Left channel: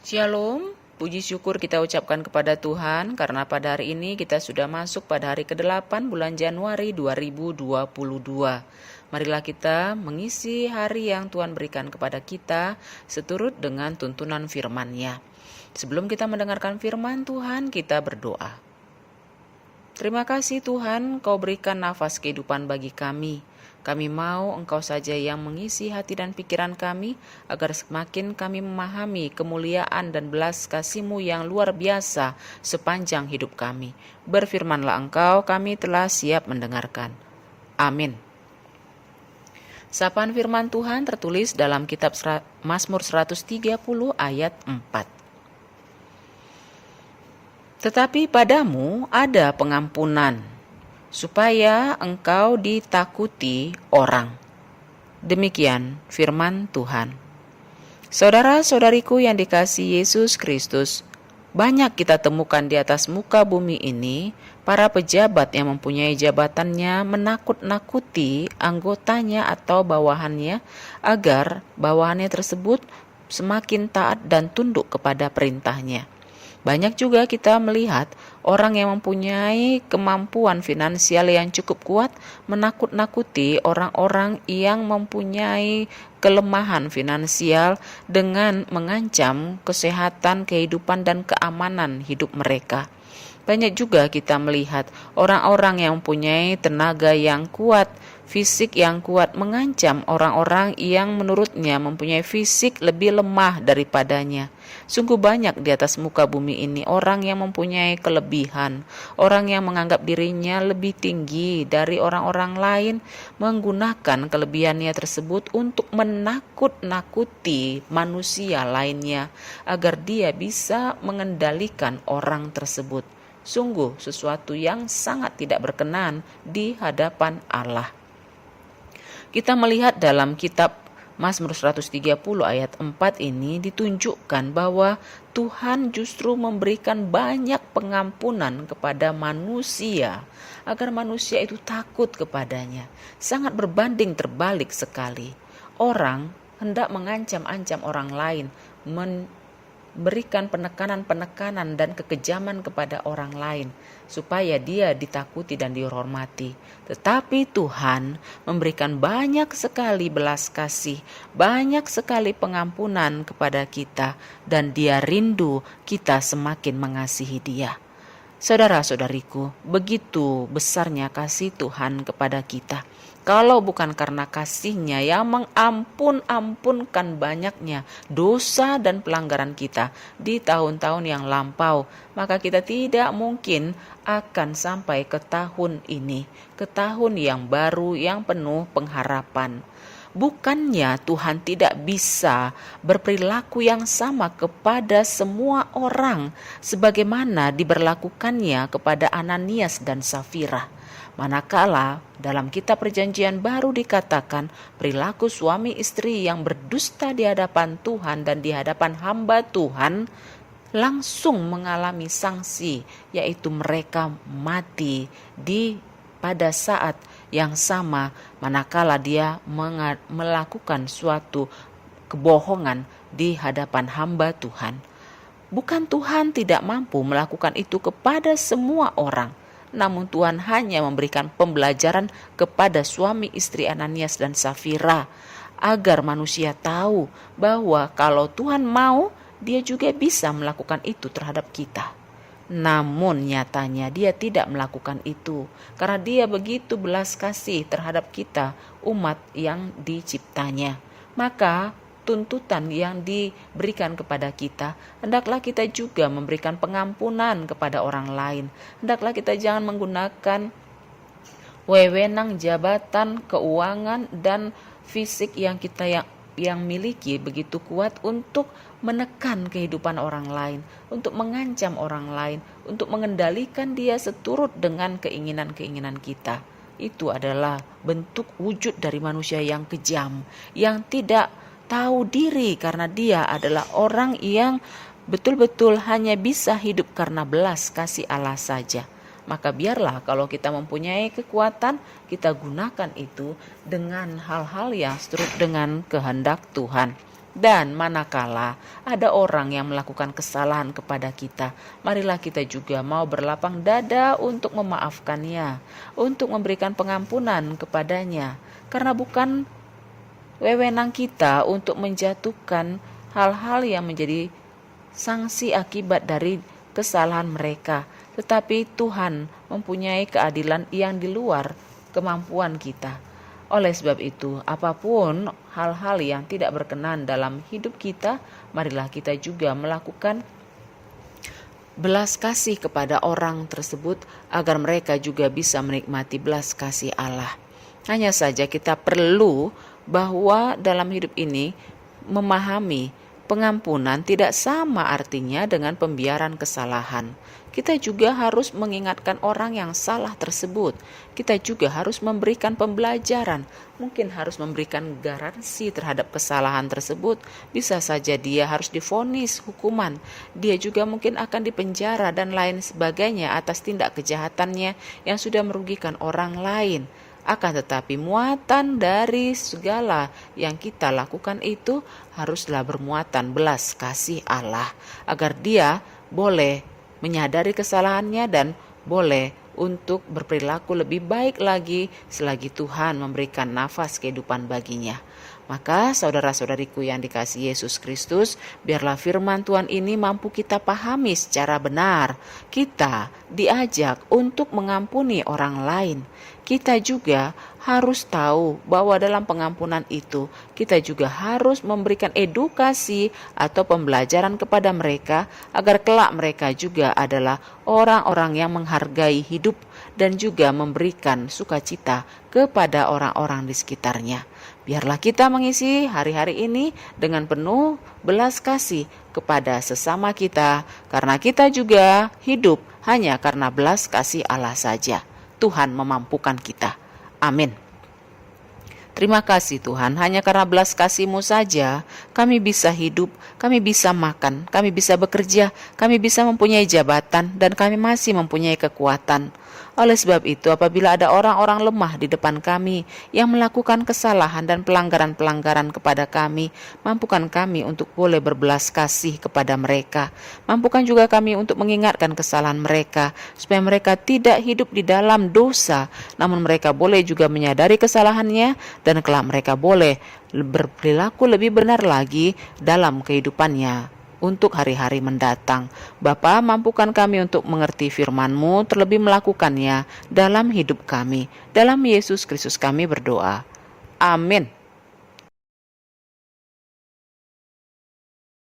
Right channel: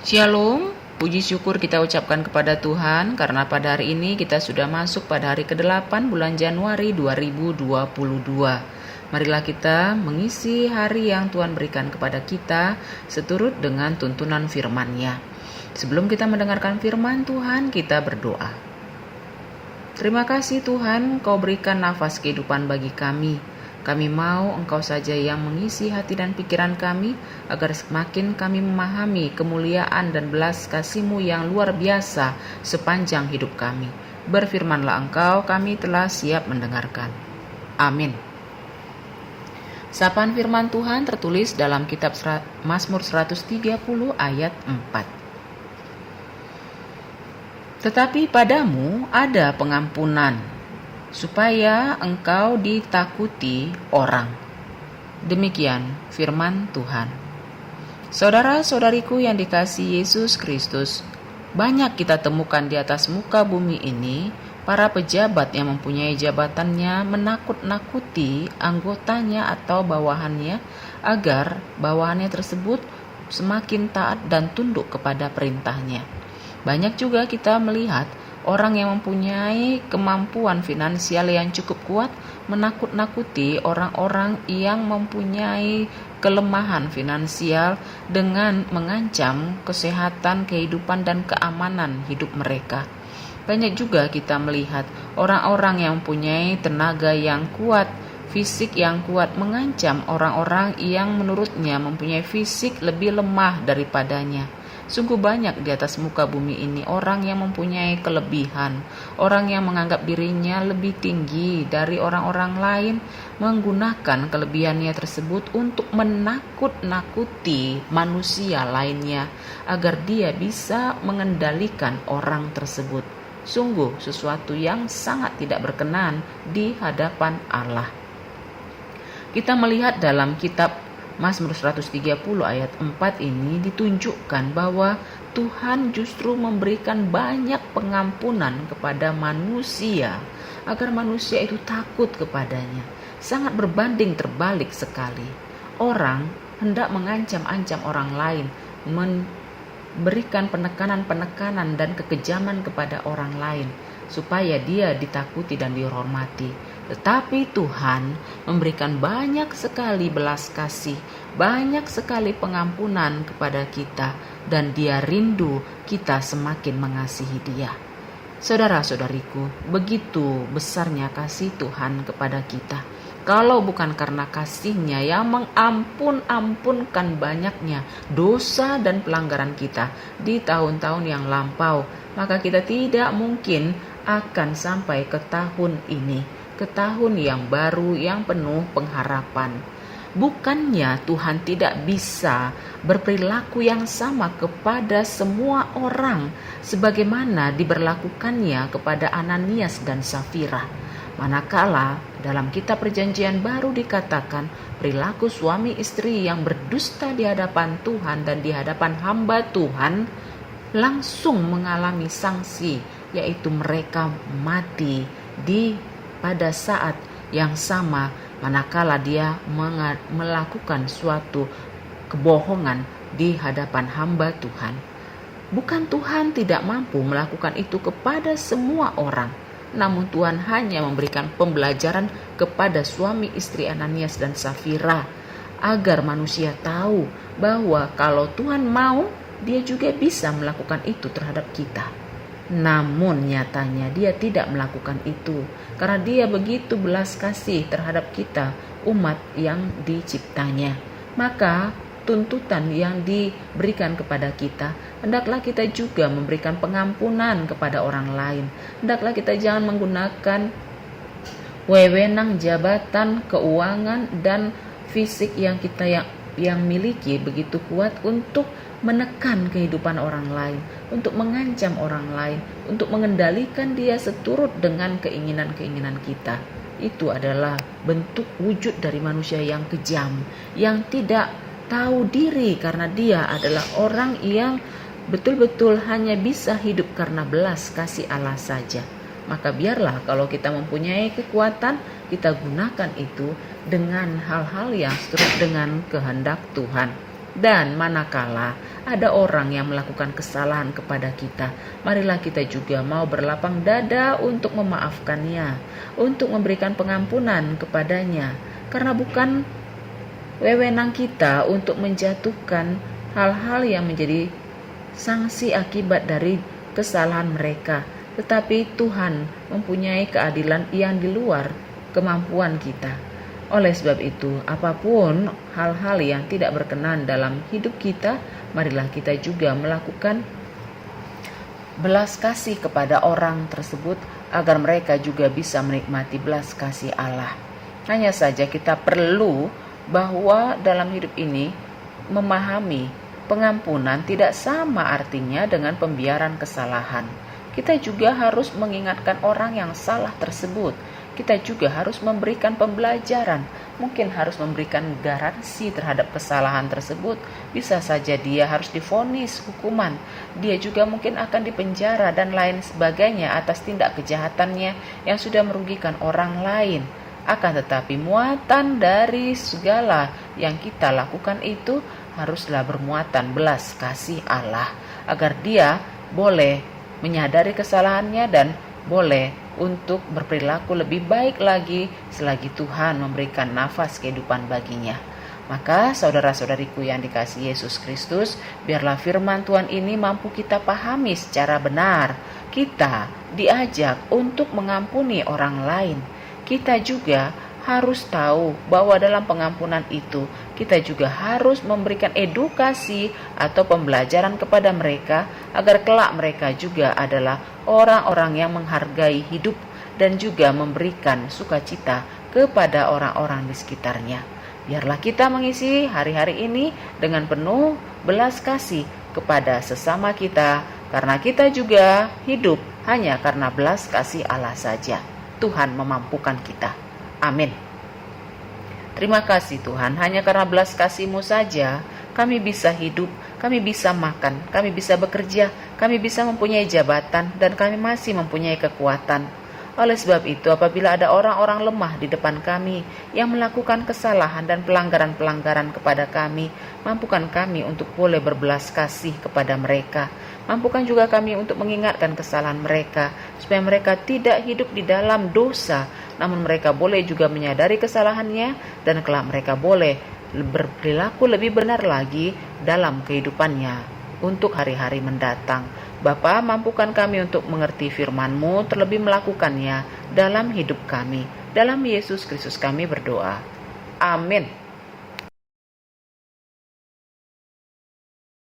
Shalom, puji syukur kita ucapkan kepada Tuhan karena pada hari ini kita sudah masuk pada hari ke-8 bulan Januari 2022. Marilah kita mengisi hari yang Tuhan berikan kepada kita seturut dengan tuntunan firman-Nya. Sebelum kita mendengarkan firman Tuhan, kita berdoa. Terima kasih Tuhan, Kau berikan nafas kehidupan bagi kami. Kami mau Engkau saja yang mengisi hati dan pikiran kami, agar semakin kami memahami kemuliaan dan belas kasih-Mu yang luar biasa sepanjang hidup kami. Berfirmanlah Engkau, kami telah siap mendengarkan. Amin. Sapaan firman Tuhan tertulis dalam kitab Mazmur 130 ayat 4. Tetapi padamu ada pengampunan, supaya engkau ditakuti orang. Demikian firman Tuhan. Saudara-saudariku yang dikasihi Yesus Kristus, banyak kita temukan di atas muka bumi ini para pejabat yang mempunyai jabatannya menakut-nakuti anggotanya atau bawahannya agar bawahannya tersebut semakin taat dan tunduk kepada perintahnya. Banyak juga kita melihat orang yang mempunyai kemampuan finansial yang cukup kuat menakut-nakuti orang-orang yang mempunyai kelemahan finansial dengan mengancam kesehatan, kehidupan, dan keamanan hidup mereka. Banyak juga kita melihat orang-orang yang mempunyai tenaga yang kuat, fisik yang kuat mengancam orang-orang yang menurutnya mempunyai fisik lebih lemah daripadanya. Sungguh banyak di atas muka bumi ini orang yang mempunyai kelebihan, orang yang menganggap dirinya lebih tinggi dari orang-orang lain, menggunakan kelebihannya tersebut untuk menakut-nakuti manusia lainnya agar dia bisa mengendalikan orang tersebut. Sungguh sesuatu yang sangat tidak berkenan di hadapan Allah. Kita melihat dalam kitab Mazmur 130 ayat 4 ini ditunjukkan bahwa Tuhan justru memberikan banyak pengampunan kepada manusia agar manusia itu takut kepadanya. Sangat berbanding terbalik sekali. Orang hendak mengancam-ancam orang lain, memberikan penekanan-penekanan dan kekejaman kepada orang lain supaya dia ditakuti dan dihormati. Tetapi Tuhan memberikan banyak sekali belas kasih, banyak sekali pengampunan kepada kita, dan Dia rindu kita semakin mengasihi Dia. Saudara-saudariku, begitu besarnya kasih Tuhan kepada kita. Kalau bukan karena kasih-Nya yang mengampun-ampunkan banyaknya dosa dan pelanggaran kita di tahun-tahun yang lampau, maka kita tidak mungkin akan sampai ke tahun ini, ke tahun yang baru yang penuh pengharapan. Bukannya Tuhan tidak bisa berperilaku yang sama kepada semua orang sebagaimana diberlakukannya kepada Ananias dan Safira. Manakala dalam kitab Perjanjian Baru dikatakan perilaku suami istri yang berdusta di hadapan Tuhan dan di hadapan hamba Tuhan langsung mengalami sanksi, yaitu mereka mati pada saat yang sama manakala dia melakukan suatu kebohongan di hadapan hamba Tuhan. Bukan Tuhan tidak mampu melakukan itu kepada semua orang, namun Tuhan hanya memberikan pembelajaran kepada suami istri Ananias dan Safira agar manusia tahu bahwa kalau Tuhan mau, Dia juga bisa melakukan itu terhadap kita. Namun nyatanya Dia tidak melakukan itu karena Dia begitu belas kasih terhadap kita, umat yang diciptanya. Maka tuntutan yang diberikan kepada kita, hendaklah kita juga memberikan pengampunan kepada orang lain. Hendaklah kita jangan menggunakan wewenang, jabatan, keuangan, dan fisik yang kita yang miliki begitu kuat untuk menekan kehidupan orang lain, untuk mengancam orang lain, untuk mengendalikan dia seturut dengan keinginan-keinginan kita. Itu adalah bentuk wujud dari manusia yang kejam, yang tidak tahu diri karena dia adalah orang yang betul-betul hanya bisa hidup karena belas kasih Allah saja. Maka biarlah kalau kita mempunyai kekuatan, kita gunakan itu dengan hal-hal yang seturut dengan kehendak Tuhan. Dan manakala ada orang yang melakukan kesalahan kepada kita, marilah kita juga mau berlapang dada untuk memaafkannya, untuk memberikan pengampunan kepadanya. Karena bukan wewenang kita untuk menjatuhkan hal-hal yang menjadi sanksi akibat dari kesalahan mereka, tetapi Tuhan mempunyai keadilan yang di luar kemampuan kita. Oleh sebab itu, apapun hal-hal yang tidak berkenan dalam hidup kita, marilah kita juga melakukan belas kasih kepada orang tersebut agar mereka juga bisa menikmati belas kasih Allah. Hanya saja kita perlu bahwa dalam hidup ini memahami pengampunan tidak sama artinya dengan pembiaran kesalahan. Kita juga harus mengingatkan orang yang salah tersebut. Kita juga harus memberikan pembelajaran, mungkin harus memberikan garansi terhadap kesalahan tersebut. Bisa saja dia harus divonis hukuman, dia juga mungkin akan dipenjara dan lain sebagainya atas tindak kejahatannya yang sudah merugikan orang lain. Akan tetapi muatan dari segala yang kita lakukan itu haruslah bermuatan belas kasih Allah, agar dia boleh menyadari kesalahannya dan boleh untuk berperilaku lebih baik lagi selagi Tuhan memberikan nafas kehidupan baginya. Maka saudara-saudariku yang dikasihi Yesus Kristus, biarlah firman Tuhan ini mampu kita pahami secara benar. Kita diajak untuk mengampuni orang lain. Kita juga harus tahu bahwa dalam pengampunan itu kita juga harus memberikan edukasi atau pembelajaran kepada mereka agar kelak mereka juga adalah orang-orang yang menghargai hidup dan juga memberikan sukacita kepada orang-orang di sekitarnya. Biarlah kita mengisi hari-hari ini dengan penuh belas kasih kepada sesama kita, karena kita juga hidup hanya karena belas kasih Allah saja. Tuhan memampukan kita. Amin. Terima kasih Tuhan, hanya karena belas kasih-Mu saja kami bisa hidup, kami bisa makan, kami bisa bekerja, kami bisa mempunyai jabatan, dan kami masih mempunyai kekuatan. Oleh sebab itu, apabila ada orang-orang lemah di depan kami yang melakukan kesalahan dan pelanggaran-pelanggaran kepada kami, mampukan kami untuk boleh berbelas kasih kepada mereka. Mampukan juga kami untuk mengingatkan kesalahan mereka, supaya mereka tidak hidup di dalam dosa, namun mereka boleh juga menyadari kesalahannya, dan kelak mereka boleh berperilaku lebih benar lagi dalam kehidupannya untuk hari-hari mendatang. Bapa, mampukan kami untuk mengerti firman-Mu, terlebih melakukannya dalam hidup kami. Dalam Yesus Kristus kami berdoa. Amin.